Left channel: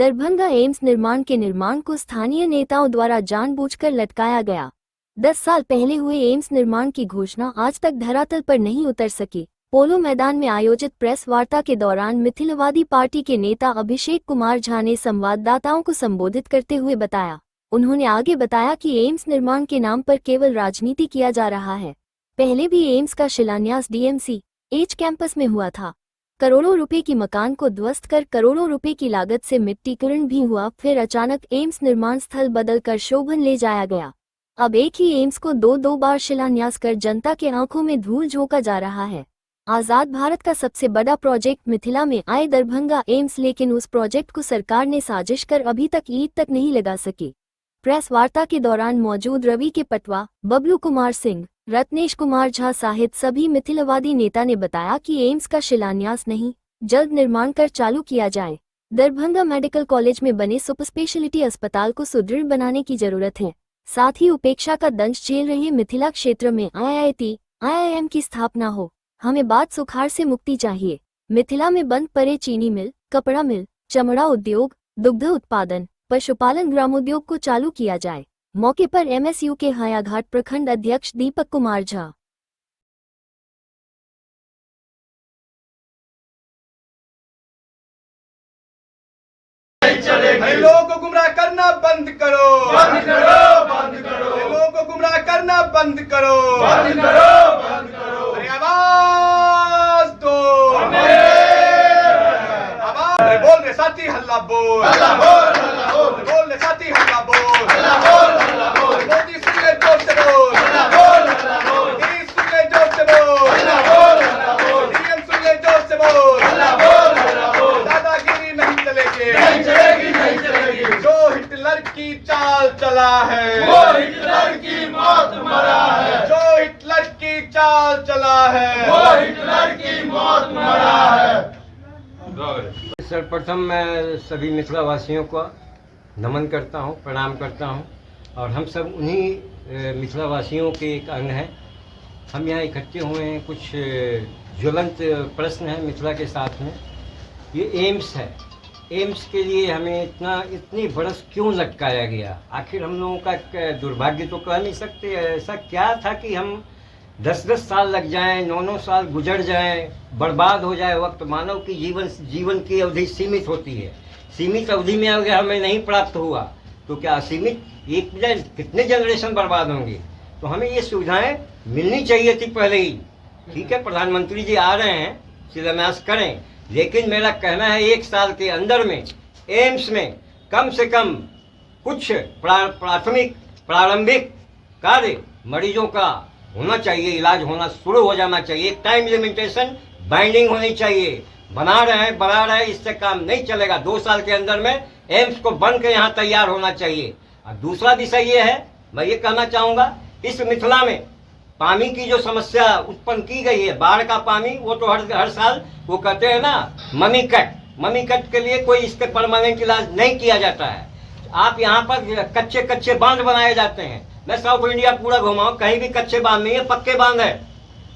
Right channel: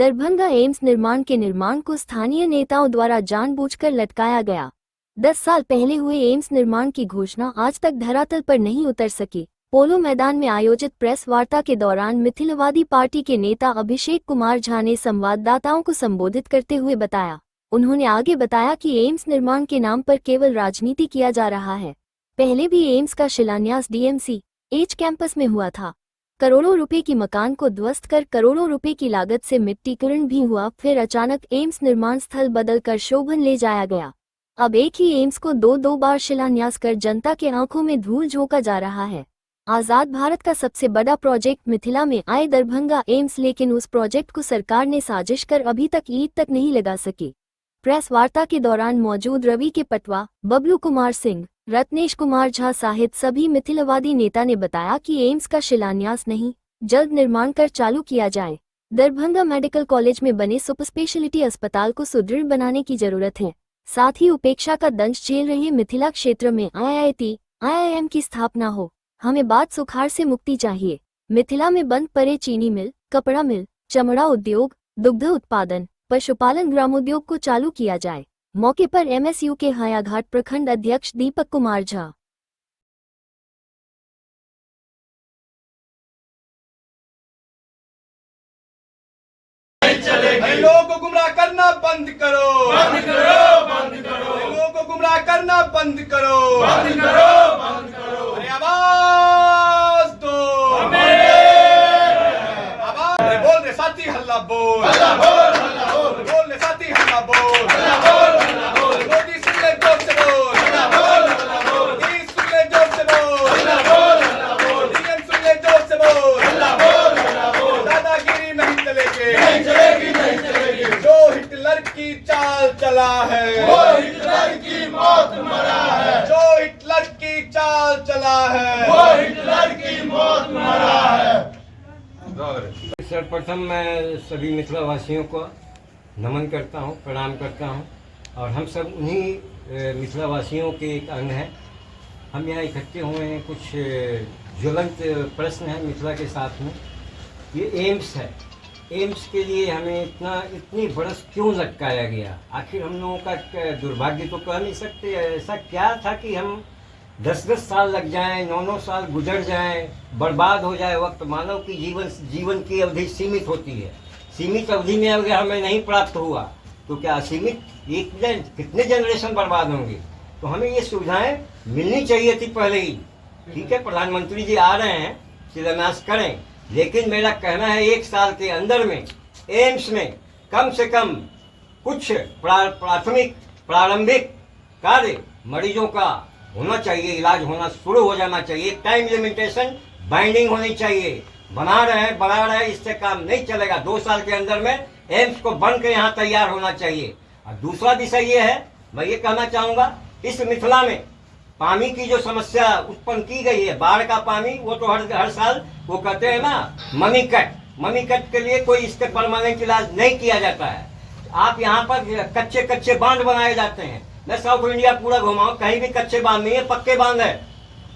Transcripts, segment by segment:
Darbhanga AIIMS निर्माण को स्थानीय नेताओं द्वारा जानबूझकर लटकाया गया। 10 साल पहले हुए एम्स निर्माण की घोषणा आज तक धरातल पर नहीं उतर सकी। पोलो मैदान में आयोजित प्रेस वार्ता के दौरान मिथिलवादी पार्टी के नेता अभिषेक कुमार झा ने संवाददाताओं को संबोधित करते हुए बताया। उन्होंने आगे बताया कि एम्स निर्माण के नाम पर केवल राजनीति किया जा रहा है। पहले भी एम्स का शिलान्यास डीएमसी एच कैंपस में हुआ था। करोड़ों रुपए की मकान को ध्वस्त कर करोड़ों रुपए की लागत से मिट्टीकरण भी हुआ, फिर अचानक एम्स निर्माण स्थल बदलकर शोभन ले जाया गया। अब एक ही एम्स को दो बार शिलान्यास कर जनता के आंखों में धूल झोंका जा रहा है। आजाद भारत का सबसे बड़ा प्रोजेक्ट मिथिला में आए दरभंगा एम्स, लेकिन उस प्रोजेक्ट को सरकार ने साजिश कर अभी तक ईंट तक नहीं लगा सकी। प्रेस वार्ता के दौरान मौजूद रवि के पटवा, बबलू कुमार सिंह, रत्नेश कुमार झा सहित सभी मिथिलवादी नेता ने बताया कि एम्स का शिलान्यास नहीं, जल्द निर्माण कर चालू किया जाए। दरभंगा मेडिकल कॉलेज में बने सुपर स्पेशलिटी अस्पताल को सुदृढ़ बनाने की जरूरत है। साथ ही उपेक्षा का दंश झेल रहे मिथिला क्षेत्र में IIT, IIM की स्थापना हो। हमें बात सुखाड़ से मुक्ति चाहिए। मिथिला में बंद पड़े चीनी मिल, कपड़ा मिल, चमड़ा उद्योग, दुग्ध उत्पादन, पशुपालन ग्रामोद्योग को चालू किया जाए। मौके पर MSU के हायाघाट प्रखंड अध्यक्ष दीपक कुमार झा। लोगों को गुमराह करना बंद करो, बंद करो, बंद करो। लोगों को गुमराह करना बंद करो, बंद करो, बंद करो। अरे आवाज दो, आवाज बोल रे साथी, हल्ला बोल, हल्ला बोल, हल्ला बोल, बोल रे साथी, हल्ला बोल, हल्ला बोल, हल्ला बोल। मोदी सुन ले जोर से बोल, हल्ला बोल, हल्ला बोल। मोदी सुन ले जोर से बोल, हल्ला बोल, हल्ला बोल। DM सुन ले जोर से बोल, हल्ला बोल, हल्ला बोल। दादागिरी नहीं चलेगी, नहीं चलेगी, नहीं चलेगी। जो हिटलर की चाल चला है, वो हिटलर की मौत मरा है। जो हिटलर की चाल चला है, वो हिटलर की मौत मरा है। सर्वप्रथम मैं सभी मिथिला वासियों को नमन करता हूं, प्रणाम करता हूं, और हम सब उन्हीं मिथिला वासियों के एक अंग हैं। हम यहाँ इकट्ठे हुए हैं, कुछ ज्वलंत प्रश्न हैं मिथिला के साथ में। ये एम्स है, एम्स के लिए हमें इतनी बरस क्यों लटकाया गया? आखिर हम लोगों का दुर्भाग्य तो कह नहीं सकते। ऐसा क्या था कि हम 10-10 साल लग जाएं, 9-9 साल गुजर जाएं, बर्बाद हो जाए वक्त। मानव की जीवन की अवधि सीमित होती है। सीमित अवधि में अगर हमें नहीं प्राप्त हुआ तो क्या असीमित कितने जनरेशन बर्बाद होंगे? तो हमें ये सुविधाएं मिलनी चाहिए थी पहले ही। ठीक है, प्रधानमंत्री जी आ रहे हैं, शिलान्यास करें, लेकिन मेरा कहना है 1 साल के अंदर में एम्स में कम से कम कुछ प्रारंभिक कार्य मरीजों का होना चाहिए, इलाज होना शुरू हो जाना चाहिए। टाइम लिमिटेशन बाइंडिंग होनी चाहिए। बना रहे हैं, इससे काम नहीं चलेगा। 2 साल के अंदर में एम्स को बन के यहाँ तैयार होना चाहिए। और दूसरा विषय ये है, मैं ये कहना चाहूँगा, इस मिथिला में पानी की जो समस्या उत्पन्न की गई है, बाढ़ का पानी, वो तो हर साल वो कहते हैं ना, मनी कट के लिए कोई इसके परमानेंट इलाज नहीं किया जाता है। आप यहाँ पर कच्चे बांध बनाए जाते हैं। मैं साउथ इंडिया पूरा घुमाऊं, कहीं भी कच्चे बांध नहीं है, पक्के बांध है।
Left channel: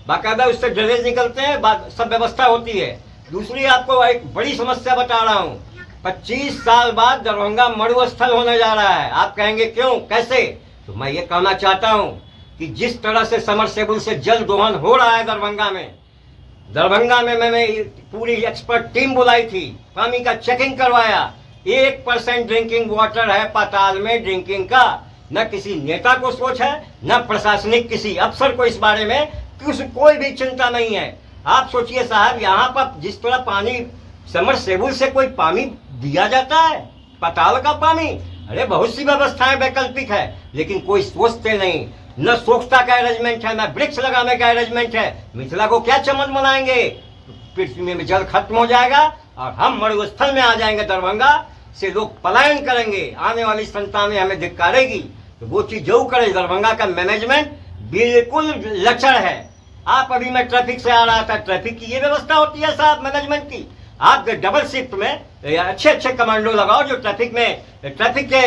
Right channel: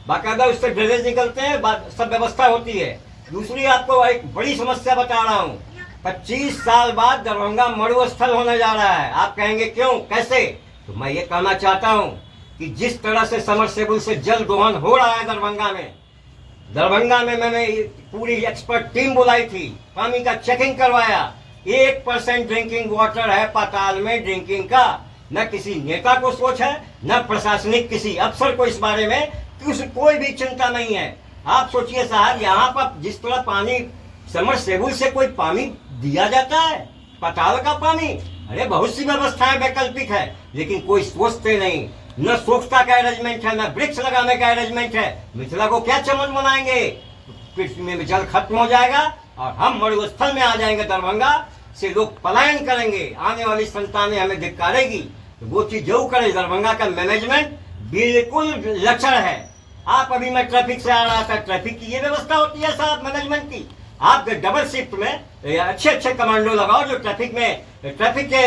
बाकायदा उससे ड्रेनेज निकलते हैं, सब व्यवस्था होती है। दूसरी आपको एक बड़ी समस्या बता रहा हूँ, 25 साल बाद दरभंगा मरुस्थल होने जा रहा है। आप कहेंगे क्यों, कैसे? तो मैं ये कहना चाहता हूँ कि जिस तरह से समरसेबुल से जल दोहन हो रहा है दरभंगा में मैंने पूरी एक्सपर्ट टीम बुलाई थी, पानी का चेकिंग करवाया। 1% ड्रिंकिंग वाटर है पाताल में ड्रिंकिंग का। न किसी नेता को सोच है, न प्रशासनिक किसी अफसर को इस बारे में कोई भी चिंता नहीं है। आप सोचिए साहब, यहाँ पर जिस तरह पानी समरसेबुल से कोई पानी दिया जाता है, पाताल का पानी, अरे बहुत सी व्यवस्थाएं वैकल्पिक है, लेकिन कोई सोचते नहीं। न स्वच्छता का अरेंजमेंट है, न वृक्ष लगाने का अरेंजमेंट है। मिथिला को क्या चमन बनाएंगे? पृथ्वी में जल खत्म हो जाएगा और हम मरुस्थल में आ जाएंगे। दरभंगा से लोग पलायन करेंगे, आने वाली संतानें हमें धिक्कारेगी। तो वो चीज जो करे, दरभंगा का मैनेजमेंट बिल्कुल लचर है। आप अभी मैं ट्रैफिक से आ रहा था, ट्रैफिक की ये व्यवस्था होती है साहब मैनेजमेंट की। आप डबल शिफ्ट में अच्छे कमांडो लगाओ जो ट्रैफिक के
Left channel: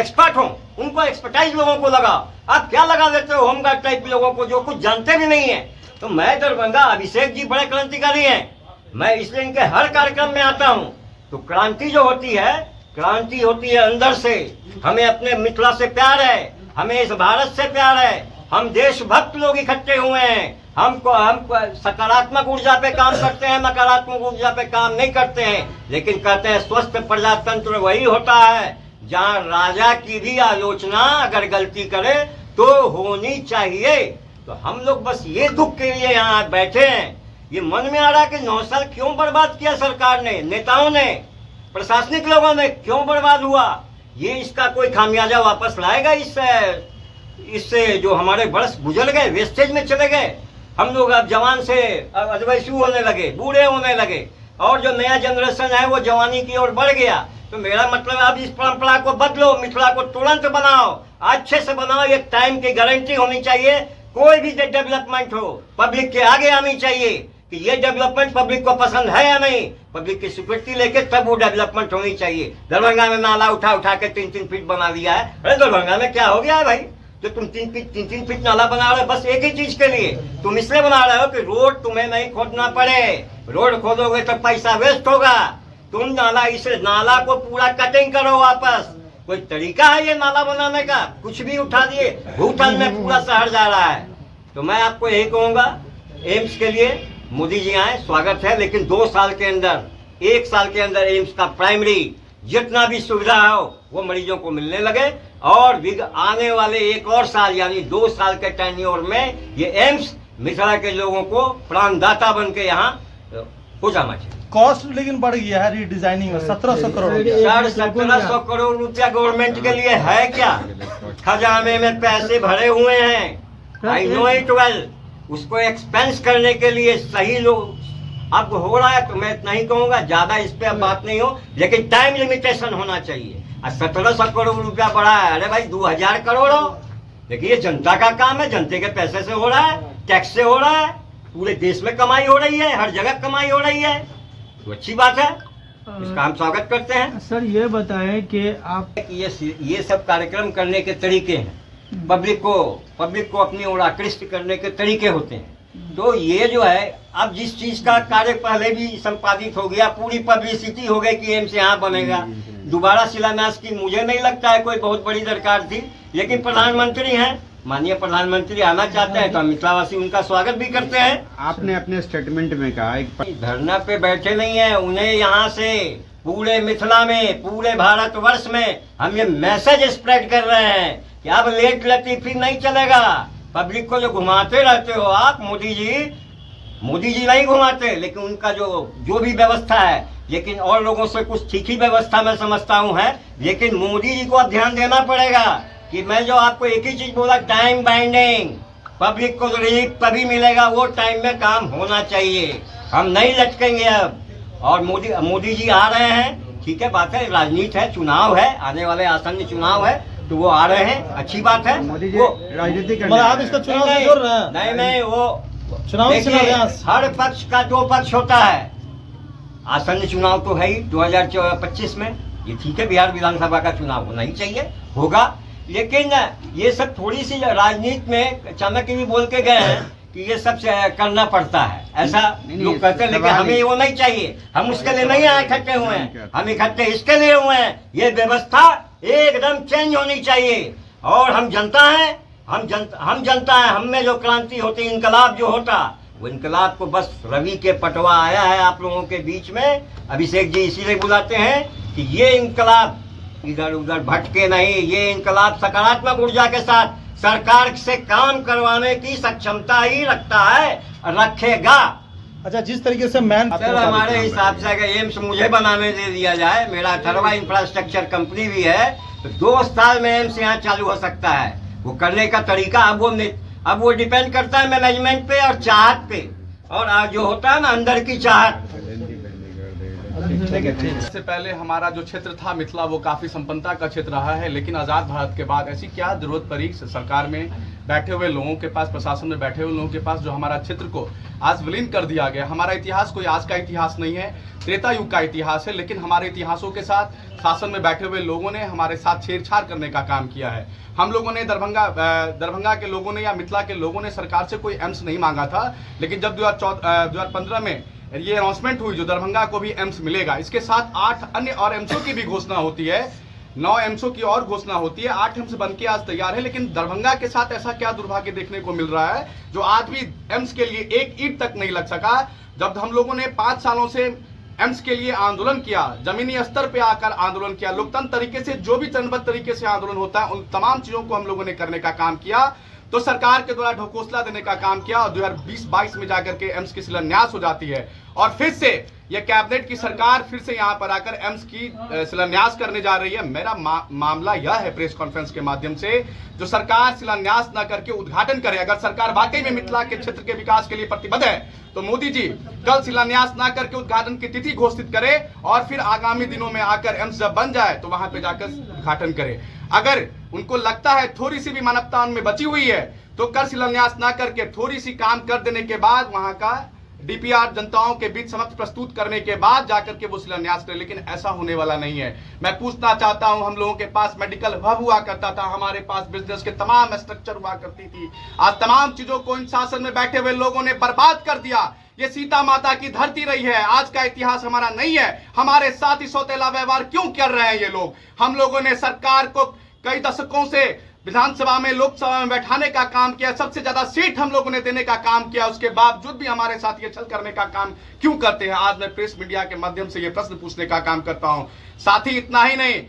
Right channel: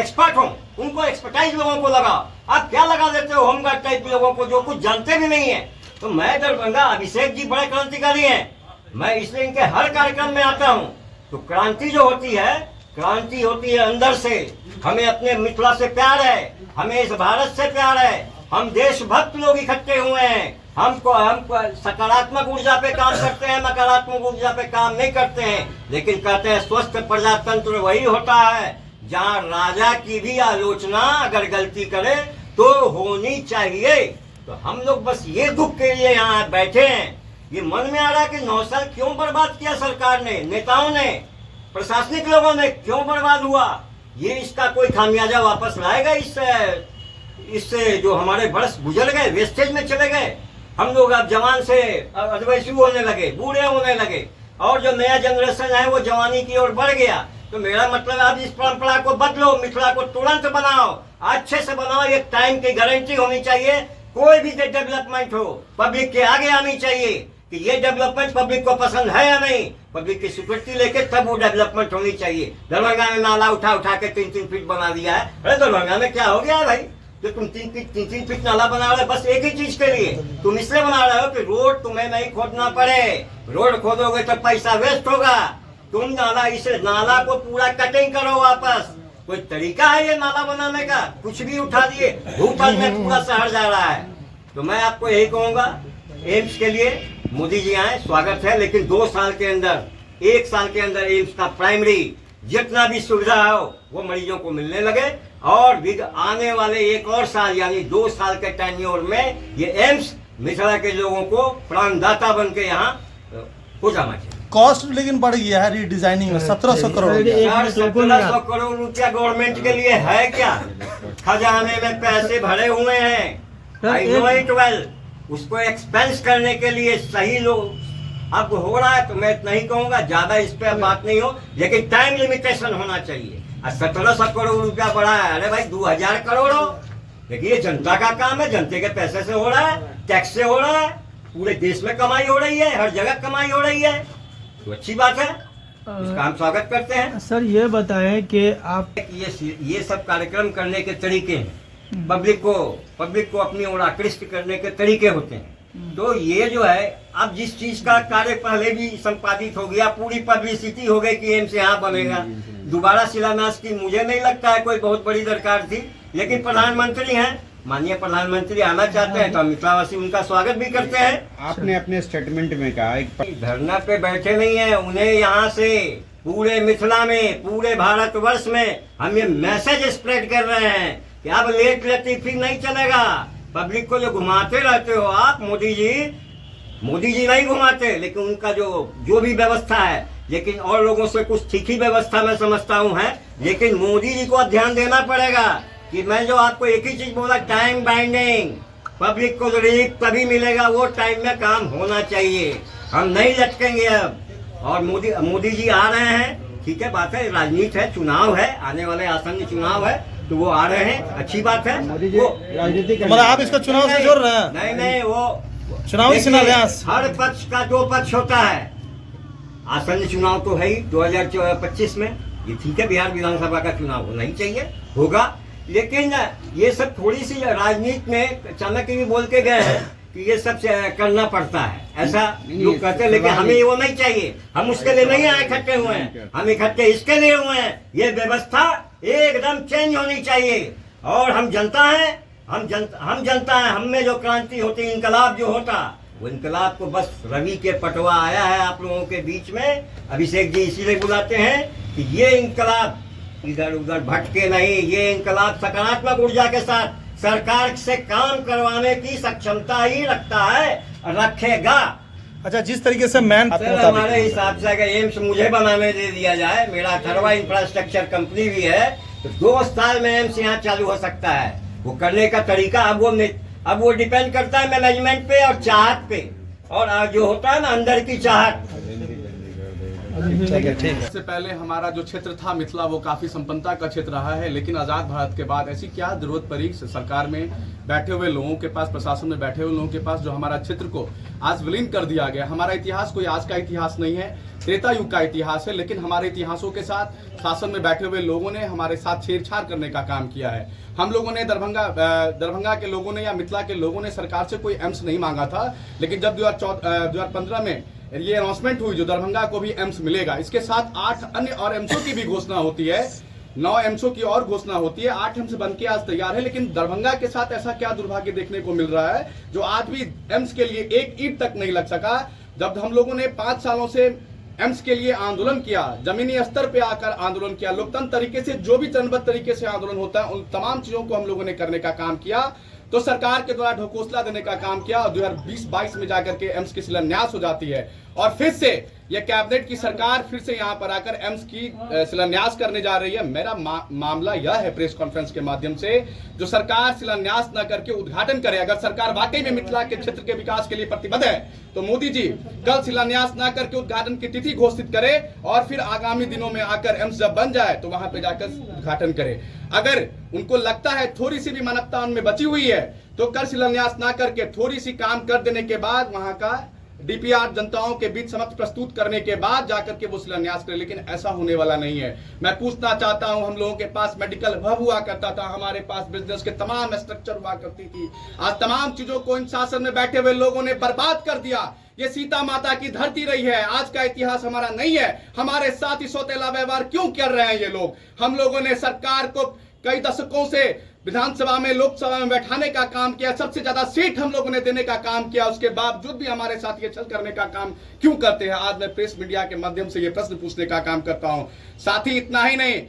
एक्सपर्ट हों, उनको एक्सपर्टाइज लोगों को लगाओ। आप क्या लगा देते हो होमगार्ड टाइप के लोगों को जो कुछ जानते भी नहीं है। तो मैं दरभंगा, अभिषेक जी बड़े क्रांतिकारी हैं, मैं इसलिए इनके हर कार्यक्रम में आता हूँ। तो क्रांति जो होती है क्रांति होती है अंदर से। हमें अपने मिथिला से प्यार है, हमें इस भारत से प्यार है। हम देशभक्त लोग इकट्ठे हुए हैं। हम सकारात्मक ऊर्जा पे काम करते हैं, नकारात्मक ऊर्जा पे काम नहीं करते हैं। लेकिन कहते हैं स्वस्थ प्रजातंत्र वही होता है जहाँ राजा की भी आलोचना अगर गलती करे तो होनी चाहिए। तो हम लोग बस ये दुख के लिए यहाँ बैठे हैं। ये मन में आ रहा है कि 9 साल क्यों बर्बाद किया सरकार ने, नेताओं ने, प्रशासनिक लोगों ने, क्यों बर्बाद हुआ। ये इसका कोई खामियाजा वापस लाएगा इससे जो हमारे वर्ष गुजर गए, वेस्टेज में चले गए। हम लोग अब जवान से अधवयसु होने लगे, बूढ़े होने लगे, और जो नया जनरेशन है वो जवानी की ओर बढ़ गया। तो मेरा मतलब अब इस परंपरा को बदलो, मिथिला को तुरंत बनाओ, अच्छे से बनाओ। एक टाइम की गारंटी होनी चाहिए। कोई भी डेवलपमेंट हो, पब्लिक के आगे आनी चाहिए कि ये डेवलपमेंट पब्लिक को पसंद है या नहीं। पब्लिक की स्वीकृति लेके तब वो डेवलपमेंट होनी चाहिए। दरभंगा में नाला उठा उठा के 3-3 फीट बना दिया है। अरे दरभंगा में क्या हो गया है भाई, जो तुम 3-3 फीट नाला बना रहे हो बस एक ही चीज के लिए। तुम इसलिए बना रहे हो कि रोड तुम्हें नहीं खोदना पड़े। रोड खोदोगे तो पैसा वेस्ट होगा। तुम नाला को पूरा कटिंग करो वापस। कोई तरीका है ये नाला बनाने का? कुछ भी उठा दिए, भूतल में पूरा शहर जा रहा है। तो मैं आपको यही कहूंगा, एम्स के लिए मोदी जी आए, स्वागत है, लेकिन 2 साल के अंदर, 1 साल के अंदर एम्स का प्राइमरी जितना भी सुविधा हो वो मरीजों को मिलने लगे। और आने वाले 1 और साल यानी 2 साल के टेन्योर में ये एम्स मिथिला के लोगों को प्राणदाता बन के यहाँ हो जाना चाहिए। कॉस्ट लेकिन बढ़ गया है रीडिजाइनिंग में 1700 करोड़। 1700 करोड़ रुपया गवर्नमेंट के लिए है क्या? खजाने में पैसे भरे हुए हैं, आई नो इट वेल। उसको एक्सपेंस करने के लिए सही लोग अब हो रहा है। तो मैं नहीं कहूंगा ज्यादा इस पे अब बात नहीं हो, लेकिन टाइम लिमिटेशन होना चाहिए। 1700 करोड़ रुपया बढ़ा है, अरे भाई 2000 करोड़ हो। देखिए ये जनता का काम है, जनते के पैसे से हो रहा है, टैक्स से हो रहा है। पूरे देश में कमाई हो रही है, हर जगह कमाई हो रही है, तो अच्छी बात है, इसका हम स्वागत करते हैं। सर ये बताएं कि आप ये सब कार्यक्रम करने के तरीके हैं, पब्लिक को अपनी ओर आकृष्ट करने के तरीके होते हैं। तो ये जो है, अब जिस चीज का कार्य पहले भी संपादित हो गया, पूरी पब्लिसिटी हो गई कि एम्स यहाँ बनेगा, दोबारा शिलान्यास की मुझे नहीं लगता है कोई बहुत बड़ी दरकार थी। लेकिन प्रधानमंत्री हैं, माननीय प्रधानमंत्री आना चाहते हैं तो हम मिथिलावासी उनका स्वागत भी करते हैं। आपने अपने स्टेटमेंट में कहा धरना पे बैठे नहीं है, उन्हें यहाँ से पूरे मिथिला में, पूरे भारतवर्ष में हम ये मैसेज स्प्रेड कर रहे हैं कि अब लेट लतीफी नहीं चलेगा। पब्लिक को जो घुमाते रहते हो आप, मोदी जी नहीं घुमाते, लेकिन उनका जो भी व्यवस्था है, लेकिन और लोगों से कुछ ठीक ही व्यवस्था मैं समझता हूँ है। लेकिन मोदी जी को ध्यान देना पड़ेगा कि मैं जो आपको एक ही चीज बोला, टाइम बाइंडिंग। पब्लिक को रिलीफ तभी मिलेगा, वो टाइम में काम होना चाहिए। हम नहीं लटकेंगे अब। और मोदी जी आ रहे हैं, ठीक है, बात है, राजनीति है, चुनाव है, आने वाले आसन्न चुनाव है, तो वो आ रहे हैं, अच्छी बात है। मोदी जी राजनीति मतलब आप इसका चुनाव से जोड़ रहे हैं? नहीं, वो चुनावी संन्यास हर पक्ष का 2 पक्ष होता है। आसन्न चुनाव तो है ही 2025 में, ये ठीक है, बिहार विधानसभा का चुनाव होना ही चाहिए, होगा। लेकिन ये सब थोड़ी सी राजनीति में चाणक्य भी बोल के गए हैं कि ये सब करना पड़ता है, ऐसा लोग कहते हैं। लेकिन हमें वो नहीं चाहिए, हम उसके लिए नहीं इकट्ठे हुए हैं, हम इकट्ठे इसके लिए हुए हैं, ये व्यवस्था एकदम चेंज होनी चाहिए। और हम जनता है, हम जनता है, हम में जो क्रांति होती, इनकलाब जो होता, वो इनकलाब को बस रवि के पटवा आया है आप लोगों के बीच में। अभिषेक जी इसीलिए बुलाते हैं कि ये इनकलाब इधर उधर भटके नहीं, ये इनकलाब सकारात्मक ऊर्जा के साथ सरकार से काम करवाने की सक्षमता ही रखता है, रखेगा। अच्छा, जिस तरीके से मैन सर हमारे हिसाब से अगर एम्स मुझे बनाने दे दिया जाए, मेरा अथर्वा इंफ्रास्ट्रक्चर कंपनी भी है, तो 2 साल में एम्स यहाँ चालू हो सकता है। वो करने का तरीका अब वो डिपेंड करता है मैनेजमेंट पे और चाहत पे, और जो होता है ना अंदर की चाहत। इससे पहले हमारा जो क्षेत्र था मिथिला, वो काफी संपन्नता का क्षेत्र रहा है। लेकिन आजाद भारत के बाद ऐसी क्या जरूरत पड़ी सरकार में बैठे हुए लोगों के पास, प्रशासन में बैठे हुए लोगों के पास, जो हमारा क्षेत्र को आज विलीन कर दिया गया। हमारा इतिहास कोई आज का इतिहास नहीं है, त्रेता युग का इतिहास है। लेकिन हमारे इतिहासों के साथ शासन में बैठे हुए लोगों ने हमारे साथ छेड़छाड़ करने का काम किया है। हम लोगों ने दरभंगा के लोगों ने या मिथिला के लोगों ने सरकार से कोई एम्स नहीं मांगा था। लेकिन जब 2015 में ये अनाउंसमेंट हुई जो दरभंगा को भी एम्स मिलेगा, इसके साथ 8 अन्य और एम्सों की भी घोषणा होती है, 9 एम्सों की और घोषणा होती है, 8 एम्स बनके आज तैयार है। लेकिन दरभंगा के साथ ऐसा क्या दुर्भाग्य देखने को मिल रहा है जो आज भी एम्स के लिए एक ईंट तक नहीं लग सका। जब हम लोगों ने 5 सालों से एम्स के लिए आंदोलन किया, जमीनी स्तर पे आकर आंदोलन किया, लोकतंत्र तरीके से जो भी चरणबद्ध तरीके से आंदोलन होता है उन तमाम चीजों को हम लोगों ने करने का काम किया, तो सरकार के द्वारा ढकोसला देने का काम किया और 2020-22 में जाकर के एम्स की शिलान्यास हो जाती है और फिर से यह कैबिनेट की सरकार फिर से यहां पर आकर एम्स की शिलान्यास करने जा रही है। मेरा मामला यह है प्रेस कॉन्फ्रेंस के माध्यम से, जो सरकार शिलान्यास न करके उद्घाटन करे। अगर सरकार वाकई में मिथिला के क्षेत्र के विकास के लिए प्रतिबद्ध है तो मोदी जी कल शिलान्यास न करके उद्घाटन की तिथि घोषित करे और फिर आगामी दिनों में आकर एम्स जब बन जाए तो वहां पे जाकर उद्घाटन करे। अगर उनको लगता है थोड़ी सी भी मानवता उनमें बची हुई है तो कर शिलान्यास ना करके थोड़ी सी काम कर देने के बाद वहां का डीपीआर जनताओं के बीच समक्ष प्रस्तुत करने के बाद जाकर के वो शिलान्यास करे, लेकिन ऐसा होने वाला नहीं है। मैं पूछना चाहता हूं, हम लोगों के पास मेडिकल हब हुआ करता था, हमारे पास बिजनेस के तमाम स्ट्रक्चर हुआ करती थी, आज तमाम चीजों को इन शासन में बैठे हुए लोगों ने बर्बाद कर दिया। ये सीता माता की धरती रही है, आज का इतिहास हमारा नहीं है। हमारे साथ ही सौतेला व्यवहार क्यों कर रहे हैं ये लोग? हम लोगों ने सरकार को कई दशकों से विधानसभा में लोकसभा में बैठाने का काम किया, सबसे ज्यादा सीट हम लोगों ने देने का काम किया, उसके बावजूद भी हमारे साथ ये छल करने का काम क्यों करते हैं? आज मैं प्रेस मीडिया के माध्यम से ये प्रश्न पूछने का काम करता हूं। साथ ही इतना ही नहीं,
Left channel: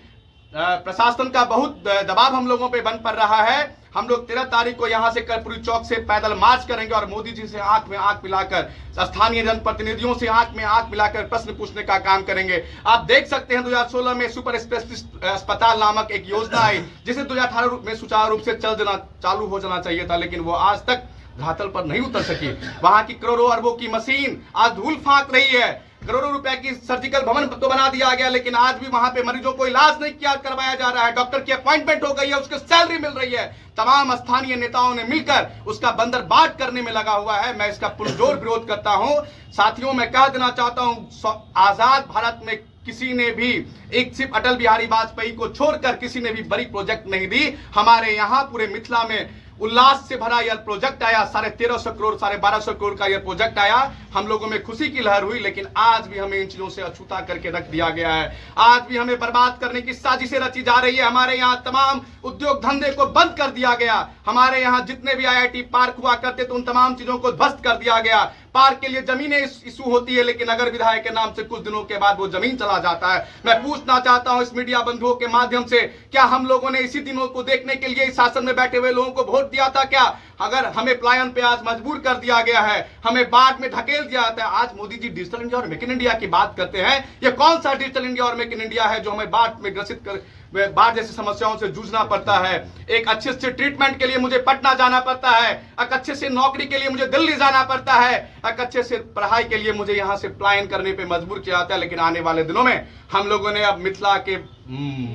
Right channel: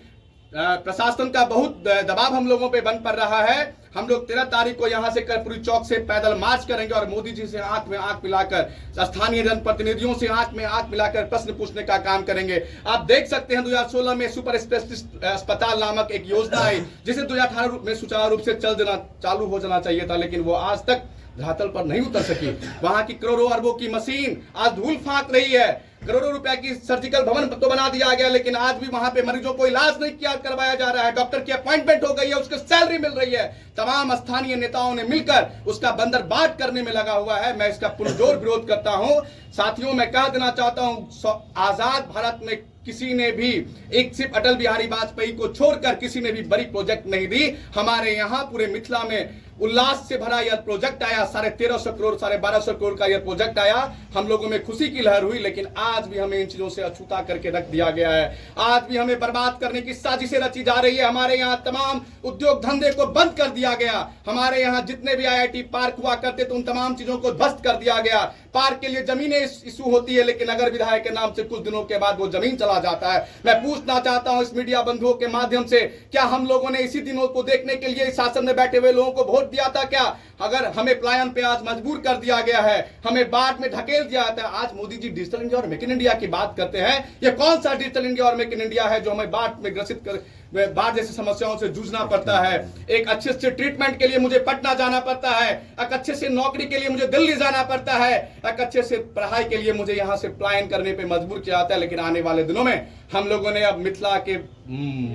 प्रशासन का बहुत दबाव हम लोगों पे बन पड़ रहा है। हम लोग 13 तारीख को यहां से कर्पूरी चौक से पैदल मार्च करेंगे और मोदी जी से आंख में आंख मिलाकर, स्थानीय जनप्रतिनिधियों से आंख में आंख मिलाकर प्रश्न पूछने का काम करेंगे। आप देख सकते हैं 2016 में सुपर स्पेशलिस्ट अस्पताल नामक एक योजना आई जिसे 2018 में सुचारू रूप से चालू हो जाना चाहिए था, लेकिन वो आज तक धरातल पर नहीं उतर सकी। वहां की करोड़ों अरबों की मशीन आज धूल फांक रही है, करोड़ों रुपए की सर्जिकल भवन तो बना दिया गया, लेकिन आज भी वहां पे मरीजों को इलाज नहीं किया करवाया जा रहा है। डॉक्टर की अपॉइंटमेंट हो गई है, उसकी सैलरी मिल रही है, तमाम स्थानीय नेताओं ने मिलकर उसका बंदरबाट करने में लगा हुआ है। मैं इसका पुरजोर विरोध करता हूं। साथियों, मैं कह देना चाहता हूं, आजाद भारत में किसी ने भी एक सिर्फ अटल बिहारी वाजपेयी को छोड़कर किसी ने भी बड़ी प्रोजेक्ट नहीं दी। हमारे यहाँ पूरे मिथिला में उल्लास से भरा यह प्रोजेक्ट आया, 1350 करोड़ 1250 करोड़ का यह प्रोजेक्ट आया, हम लोगों में खुशी की लहर हुई, लेकिन आज भी हमें इन चीजों से अछूता करके रख दिया गया है। आज भी हमें बर्बाद करने की साजिशें रची जा रही है। हमारे यहाँ तमाम उद्योग धंधे को बंद कर दिया गया, हमारे यहाँ जितने भी IIT पार्क हुआ करते थे उन तमाम चीजों को ध्वस्त कर दिया गया। पार्क के लिए जमीनें इशू होती है, लेकिन अगर विधायक के नाम से कुछ दिनों के बाद वो जमीन चला जाता है। मैं पूछना चाहता हूं इस मीडिया बंधुओं के माध्यम से, क्या हम लोगों ने इसी दिनों को देखने के लिए इस शासन में बैठे हुए लोगों को वोट दिया था क्या? अगर हमें पलायन पे आज मजबूर कर दिया गया है, हमें बाढ़ में ढकेल दिया जाता है। आज मोदी जी डिजिटल इंडिया और मेक इन इंडिया की बात करते हैं, ये कौन सा डिजिटल इंडिया और मेक इन इंडिया है जो हमें बाढ़ में ग्रसित कर बाढ़ जैसी समस्याओं से जूझना पड़ता है? एक अच्छे से ट्रीटमेंट के लिए मुझे पटना जाना पड़ता है, एक अच्छे से नौकरी के लिए मुझे दिल्ली जाना पड़ता है, एक अच्छे से पढ़ाई के लिए मुझे यहां से पलायन करने पे मजबूर किया जाता है। लेकिन आने वाले दिनों में हम लोगों ने अब मिथिला के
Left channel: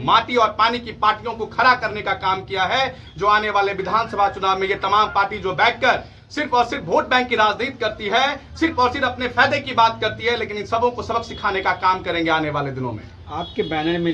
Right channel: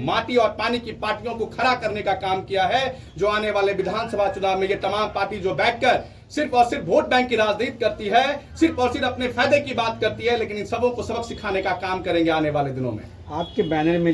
माटी और पानी की पार्टियों को खड़ा करने का काम किया है, जो आने वाले विधानसभा चुनाव में ये तमाम पार्टी जो बैठकर सिर्फ और सिर्फ वोट बैंक की राजनीति करती है, सिर्फ और सिर्फ अपने फायदे की बात करती है, लेकिन इन सबों को सबक सिखाने का काम करेंगे आने वाले दिनों में। आपके बैनर में